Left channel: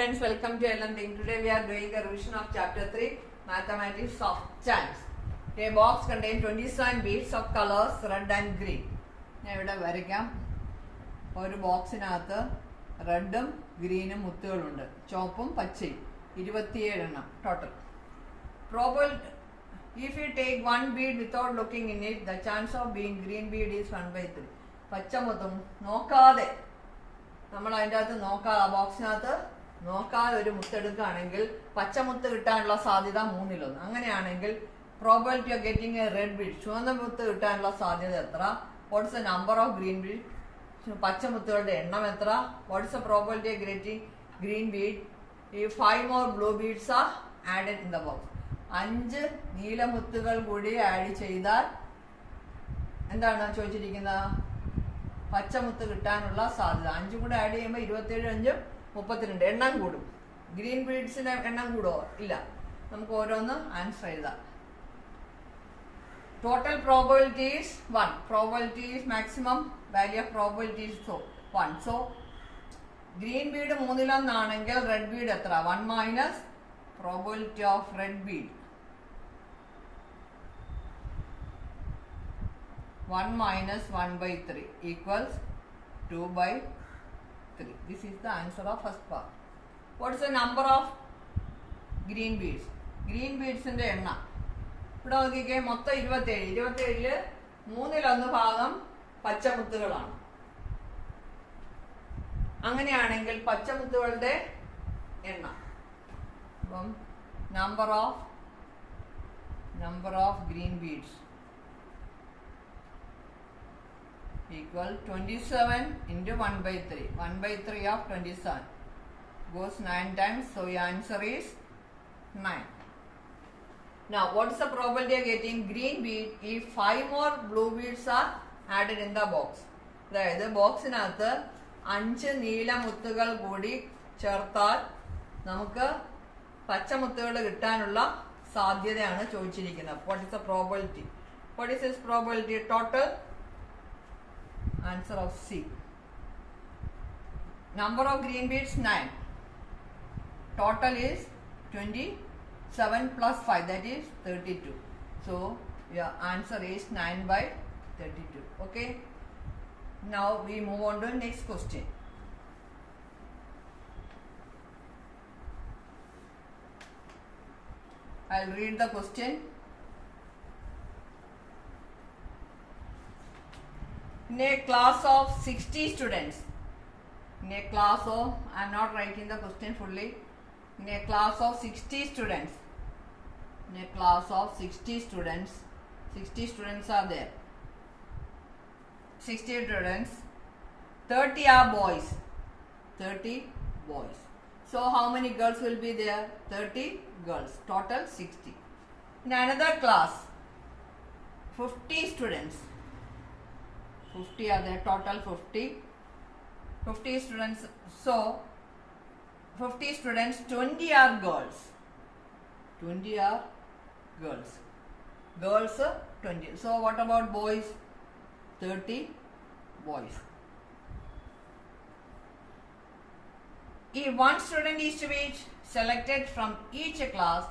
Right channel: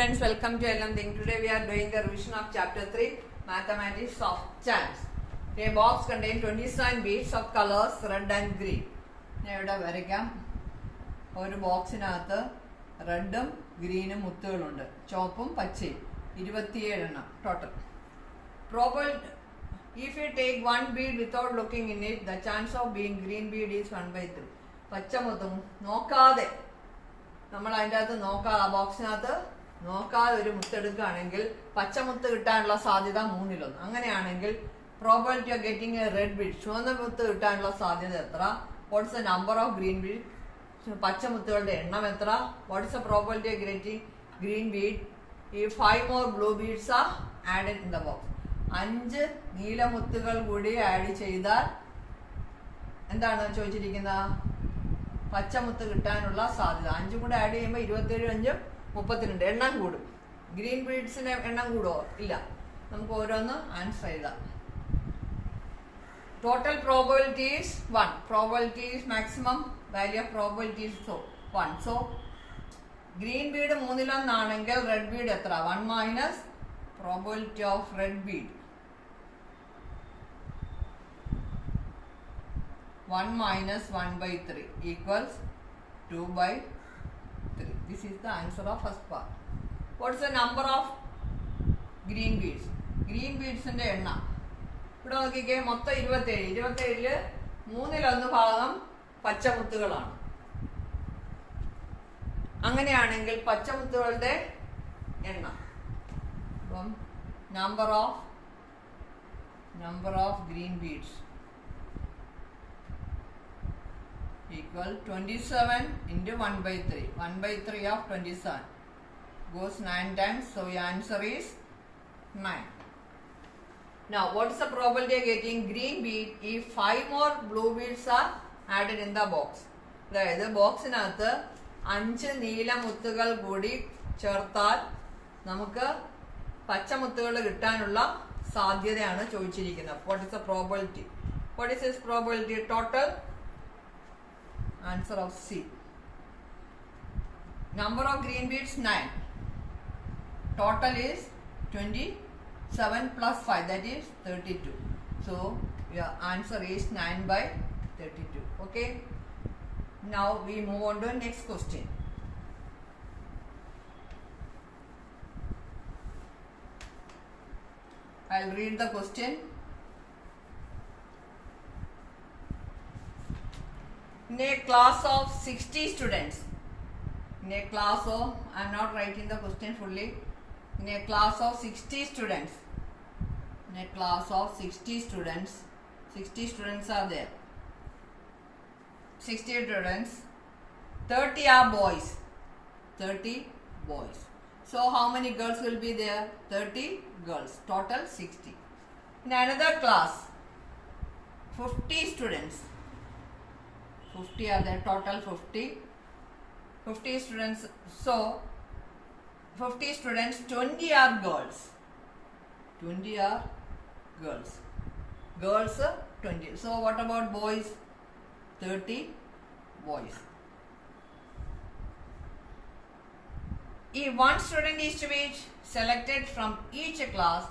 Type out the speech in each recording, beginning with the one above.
students, welcome to LM Think. Today we are doing the revision of chapter 3, Mathematics of Chance. A box contains 27 beads of colors red and green. ഞാൻ ഇവിടെ വരയ്ക്കാം. ഒരു ബോക്സിനകത്ത് റെഡും ഗ്രീനും മുത്തുകളുണ്ട്, ചുവപ്പും പച്ചയും, 27 എണ്ണം total. If you take one bead without looking in it, the chance of being green bead is 1/3. പച്ചമുത്തും നോക്കാതെ, നമ്മൾ അതിൻ്റെ അകത്ത് നോക്കാതെ, ബോക്സിനകത്ത് നോക്കാതെ ഒരു മുത്തെടുക്കുകയാണെങ്കിൽ പച്ചമുത്ത് കിട്ടാനുള്ള സാധ്യത 3/1. അങ്ങനെയാണെങ്കിൽ probability of getting a red bead, ചുവന്ന മുത്ത് കിട്ടാനുള്ള സാധ്യത എത്ര? What's the number of green bead, പച്ചമുത്തുകളുടെ എണ്ണം എത്ര? What's the probability of getting green bead ഈ 5 more blue beads are added in the box. 5 നീലമുത്തുകൾ കൂടി ആഡ് ചെയ്താൽ എന്താണ് ചോദിച്ചിരിക്കുന്നത്? പച്ചമുത്ത് കിട്ടാനുള്ള സാധ്യത. 5 കൂടെ ആഡ് ചെയ്യുമ്പോൾ 27, 5, 32 എണ്ണം കൂടും. ഗ്രീൻ ബീഡ്സിന്റെ എണ്ണം കൂടുമോ? ഇല്ല. നമുക്ക് ഓരോന്ന് ആൻസർ എഴുതാം. Total probability is 1. Probability is maximum value of probability is 1. So green bead 3/1 ആണെങ്കിൽ റെഡ് ബീഡ് എത്ര? 1 minus probability of red bead 1 minus 1/3 equals 2/3. This is the answer of first part. What is the number of green beads? Green beads ന്റെ എണ്ണം ഇവിടെ നോക്കിക്കേ, മൊത്തം 27. 27-ല് 3/1 ഭാഗം പച്ചമുത്തുകളാണ്. അങ്ങനെയാണെങ്കിൽ പച്ചമുത്തുകളുടെ എണ്ണം അപ്പം number of green beads equal 27 into 1/3. 1/3 of 27 goes 9 times, so your answer is 9. Now what is the probability of getting green bead if 5 more blue beads are added in the box? അതായത് ബോക്സിനകത്ത് 5 നീലമുത്തുകൾ കൂടി ചേർത്താൽ നമുക്ക് പച്ചമുത്തുകൾ കിട്ടാനുള്ള സാധ്യതയാണ് ചോദിച്ചിരിക്കുന്നത്. What is the probability? What is this probability? Total answer of C. Number of green beads 9. Total is 27 plus 5, that is 32. So your answer is 9/32. Okay. Now we move on to next question. I'll read the question. In a class of 60 students, I'm not writing the question fully. In a class of 60 students, 60 students are there. 60 students, 30 are boys. 30 boys. So how many girls will be there? 30 girls. Total 60. In another class, 50 students. 50 are there, total 50 students. So 50 students, 20 are girls. 20 are girls. Girls 20. So what about boys? 30 boys. If one student is to be selected from each class,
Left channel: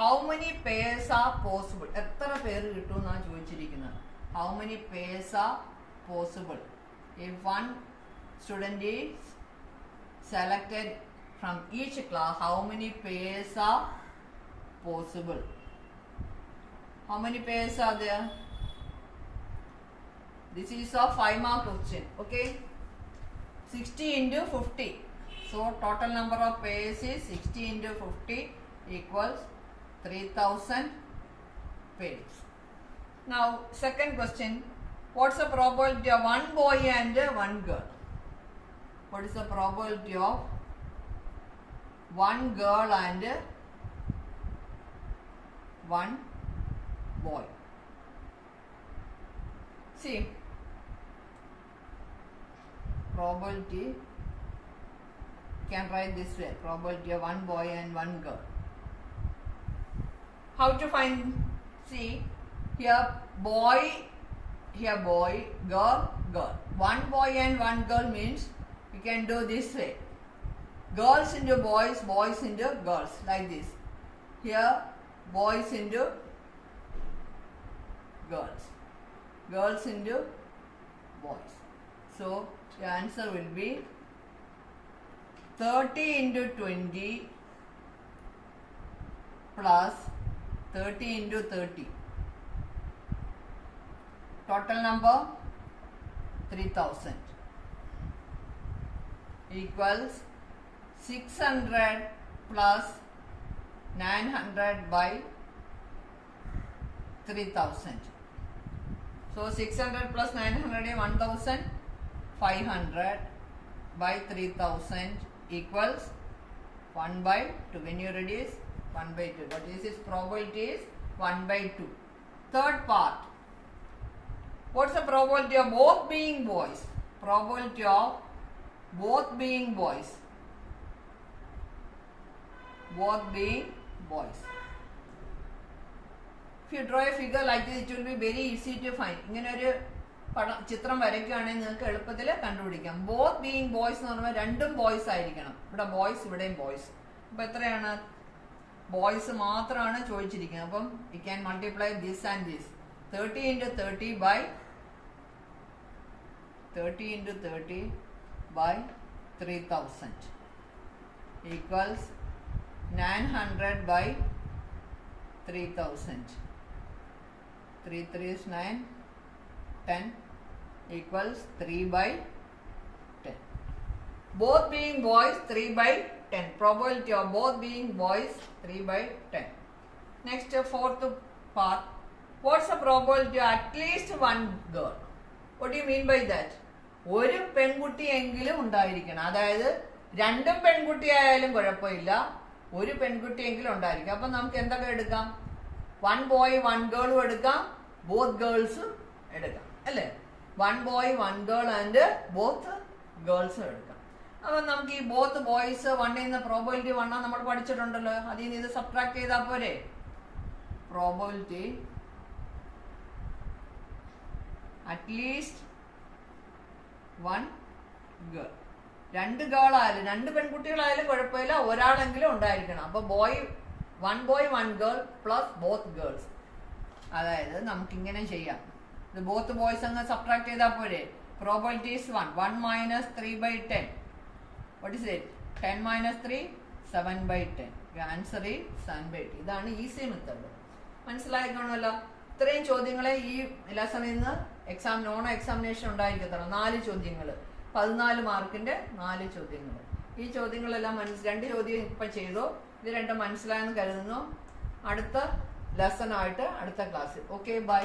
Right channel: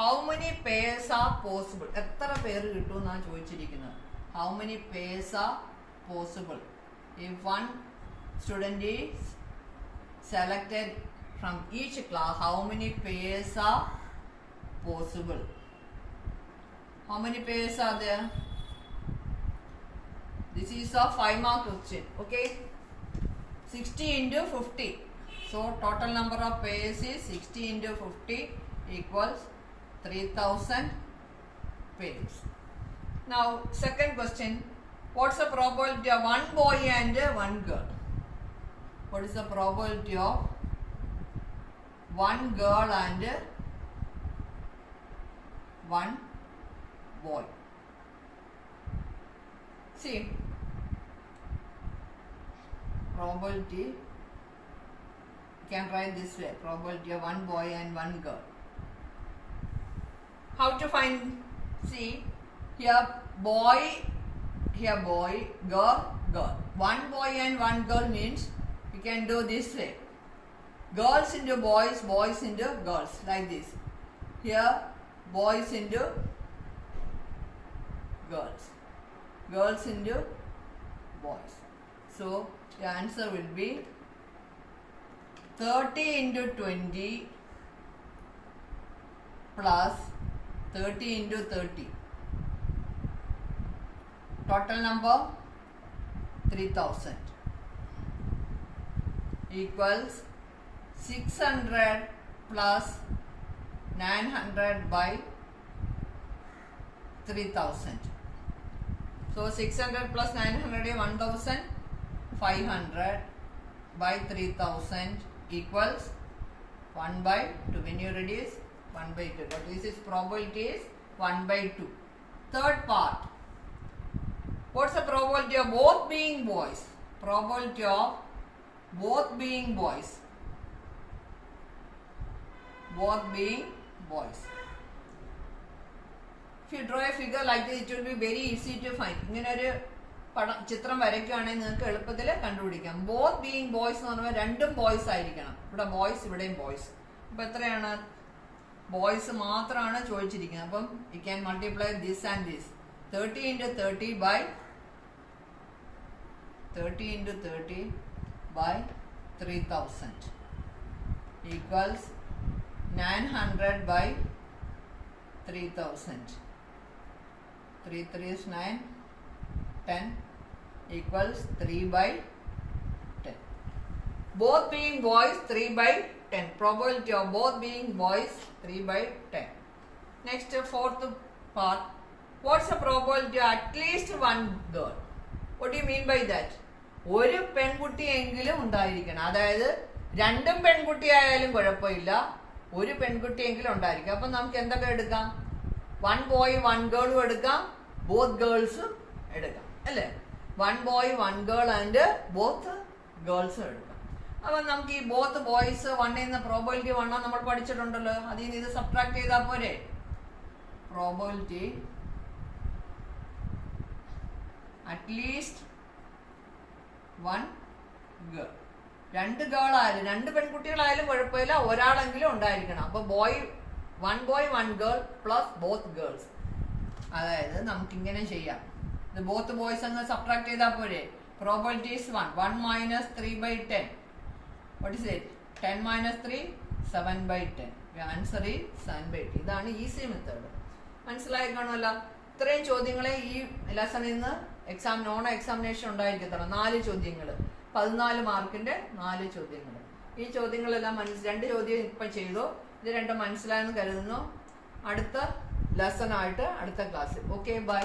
how many pairs are possible? എത്ര പേര് കിട്ടുമെന്നാണ് ചോദിച്ചിരിക്കുന്നത്. How many pairs are possible? If one student is selected from each class, how many pairs are possible? How many pairs are there? This is a 5-mark question. Okay, 60 into 50. So total number of pairs is 60 into 50 equals 3000 pairs. Now second question. What's the probability of one boy and one girl? What is the probability of one girl and one boy? See, probability can write this way: probability of one boy and one girl. How to find? See, here boy, girl. One boy and one girl means we can do this way. girls into boys, boys into girls, like this. Here boys into girls, girls into boys. So the answer will be 30 into 20 plus 30 into 30. Total number 3000 equals 600 plus 900 by 3000. So 600 plus 900 is 1500 by 3000 equals 1 by 2. When you reduce 1 by 2. What is its probability is 1 by 2. Third part. What's the probability of both being boys? Probability of both being boys. Both being boys. If you draw a figure like this, it will be very easy to find. ഇങ്ങനെ ഒരു ചിത്രം വരയ്ക്കുകയാണെങ്കിൽ നിങ്ങൾക്ക് എളുപ്പത്തിൽ കണ്ടുപിടിക്കാം. Both being boys എന്ന് പറഞ്ഞാൽ രണ്ടും ബോയ്സ് ആയിരിക്കണം. ഇവിടെ ബോയ്സ്, ഇവിടെയും ബോയ്സ്. അപ്പൊ എത്രയാണ്? ബോയ്സ് മാത്രമാണ് ചോദിച്ചിരിക്കുന്നത്. അപ്പം you can multiply this and this. 30 into 30 by 30 into 30 by 3000 equals 900 by 3000. 3 3 is 9, 10 equals 3 by 10. Both being boys, 3 by 10. Probability of both being boys, 3 by 10. Next, fourth part. What's the probability of at least one girl? What do you mean by that? ഒരു പെൺകുട്ടിയെങ്കിലും ഉണ്ടായിരിക്കണം. അതായത് രണ്ടും പെൺകുട്ടിയായാലും കുഴപ്പമില്ല, ഒരു പെൺകുട്ടിയെങ്കിലും ഉണ്ടായിരിക്കും. അപ്പം നമുക്ക് എന്തൊക്കെ എടുക്കാം? 1 boy 1 girളും എടുക്കാം, both girlsഉം എടുക്കാം, അല്ലേ? 1 boy 1 girl ആൻഡ് both girlsഉം എടുക്കാം. അപ്പം നമുക്ക് ഈ ബോത്ത് ബോയ്സ് 1 എന്ന പ്രോബിലിറ്റി 1 നമ്മൾ പഠിച്ചിട്ടുണ്ടല്ലോ. അതിൽ നിന്ന് ഇത് സബ്ട്രാക്ട് ചെയ്താൽ പോരെ? പ്രോബിലിറ്റി അറ്റ്ലീസ്റ്റ് 1 girl. 2 ഗേൾ ആയാലും 2 പെൺകുട്ടികളായാലും കുഴപ്പമില്ല, ഒരാളെങ്കിലും ഉണ്ടായിരിക്കണം. അപ്പൊ 1 boy 1 girl പ്ലസ് ബോത്ത് ഗേൾസ്. അതായത് നമുക്കിങ്ങനെ ചെയ്യാം. ഇത് ബോത്ത് ബോയ്സ് അങ്ങ് സബ്ട്രാക്ട് ചെയ്താൽ പോരെ? പ്രോബിലിറ്റി ഈസ് 1 മൈനസ് 3 by 10. What is it? 10 minus 3 7 by 10. ആൻസർ ഈസ് 7 by 10. ഇതാണ് ഈസി മെത്തേഡ്. മനസ്സിലായി കാണുമല്ലോ. ഇത്രയും ചോദ്യങ്ങളെ ഈ ലെസണിൽ നിന്ന് നോൺ എക്സാമിനേഷൻ ഉണ്ടായിരിക്കത്തണം. 4 ചോദ്യങ്ങൾ, 14 മാർക്കിന്റെ 4 ചോദ്യങ്ങൾ. ഈ ചോദ്യങ്ങളെല്ലാം 2 ചോദ്യം ഇപ്പൊ ചെയ്തു. ഇത് 2 മനസ്സിലായെന്ന് കരുതുന്നു. അടുത്ത ലെസൺ ആയിട്ട് അടുത്ത ക്ലാസ്സിൽ. Okay, by.